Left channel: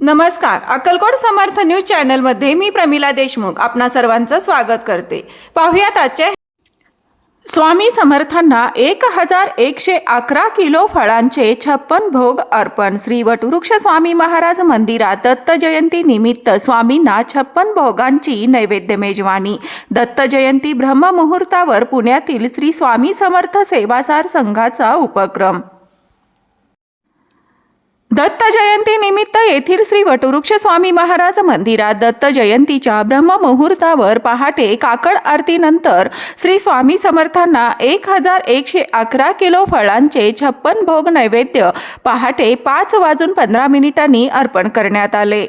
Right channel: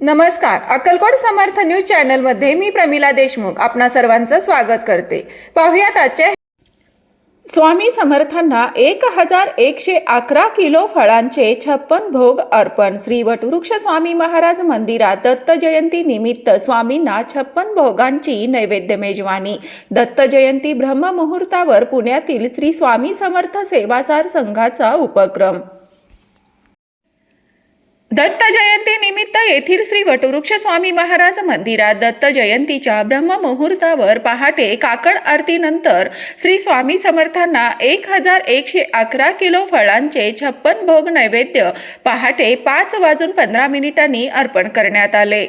नमस्कार. अक्कलकोट समर्थ न्यूज चॅनलमध्ये मी प्रमिला देशमुख आपणा सर्वांचं स्वागत करते. पाहुयात आजच्या स्वामी समर्थांना एक हजार एकशे अकरा किलो फळांचे छप्पन भोग अर्पण. श्री वटवृक्ष स्वामी महाराज मंदिरात दत्त जयंती निमित्त स्वामींना छप्पन भोगांची नैवेद्य मेजवानी दत्त जयंती ब्रह्ममुहूर्तावर पुण्यातील श्री स्वामी समर्थ सेवासार संघाचा उपक्रम. दत्त जयंती निमित्त येथील श्री वटवृक्ष स्वामी महाराज मंदिरात दत्त जयंतीच्या ब्रह्ममुहूर्तावर पहाटे काकड आरतीनंतर श्री स्वामी समर्थांना एक हजार एकशे अकरा किलो फळांचे छप्पन भोग नैवेद्य पहाटे पाच वाजून पंधरा मिनिटांनी अर्पण करण्यात आले.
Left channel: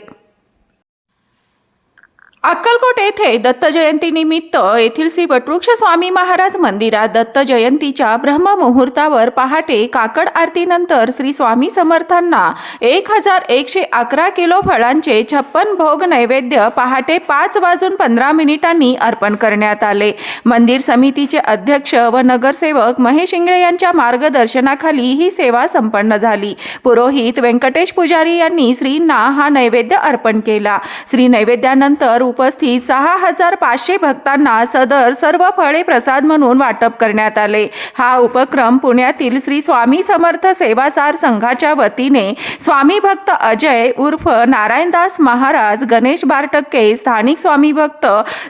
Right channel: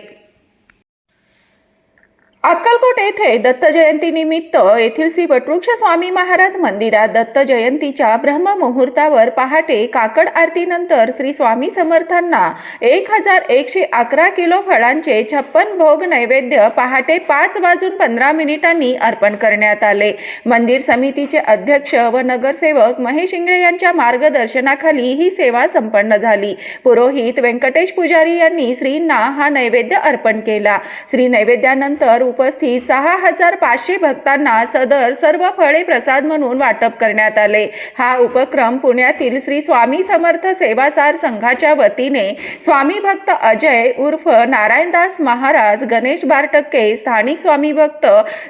अक्कलकोट येथे दत्त जयंतीनिमित्त येथील श्री वटवृक्ष स्वामी महाराज मंदिरात दत्त जयंतीच्या ब्रह्ममुहूर्तावर पहाटे काकड आरतीनंतर श्री स्वामी समर्थांना एक हजार एकशे अकरा किलो फळांचे छप्पन भोग नैवेद्य पहाटे पाच वाजून पंधरा मिनिटांनी अर्पण करण्यात आले. मंदिर समितीचे अध्यक्ष व नगरसेवक महेश इंगळे यांच्या मार्गदर्शनाखाली ही सेवा संपन्न झाली. पुरोहित व्यंकटेश पुजारी यांनी श्रींना हा नैवेद्य अर्पण केला. श्री नैवेद्यानंतर उपस्थित सहा हजार पाचशे भक्तांना सदर सर्व फळे प्रसाद म्हणून वाटप करण्यात आले. हा उपक्रम पुण्यातील श्री स्वामी समर्थ सेवासार संघाच्या वतीने स्वामी भक्त अजय उर्फ नारायणदास महाराज गणेश बारटक्के स्थानिक स्वामी भक्त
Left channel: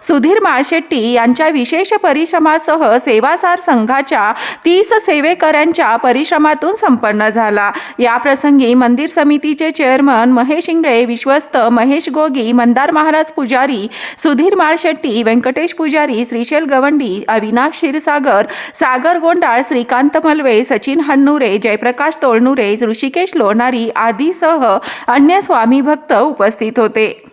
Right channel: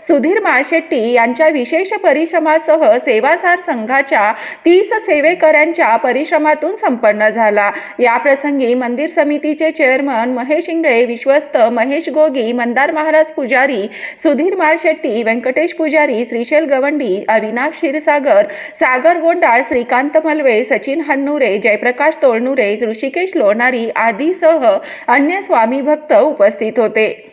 सुधीर माळशेट्टी यांच्या विशेष परिश्रमासह सेवासार संघाच्या तीस सेवेकऱ्यांच्या परिश्रमातून संपन्न झाला. या प्रसंगी मंदिर समितीचे चेअरमन महेश इंगळे विश्वस्त महेश गोगी मंदार महाराज पुजारी पुजारी सुधीर माळशेट्टी व्यंकटेश पुजारी श्रीशैल गवंडी अविनाश क्षीरसागर सागर गोंडाळ श्रीकांत मलवे सचिन हन्नुरे जयप्रकाश तोळनुरे ऋषिकेश लोणारी आदीसह अन्य स्वामी भक्त उपस्थित होते.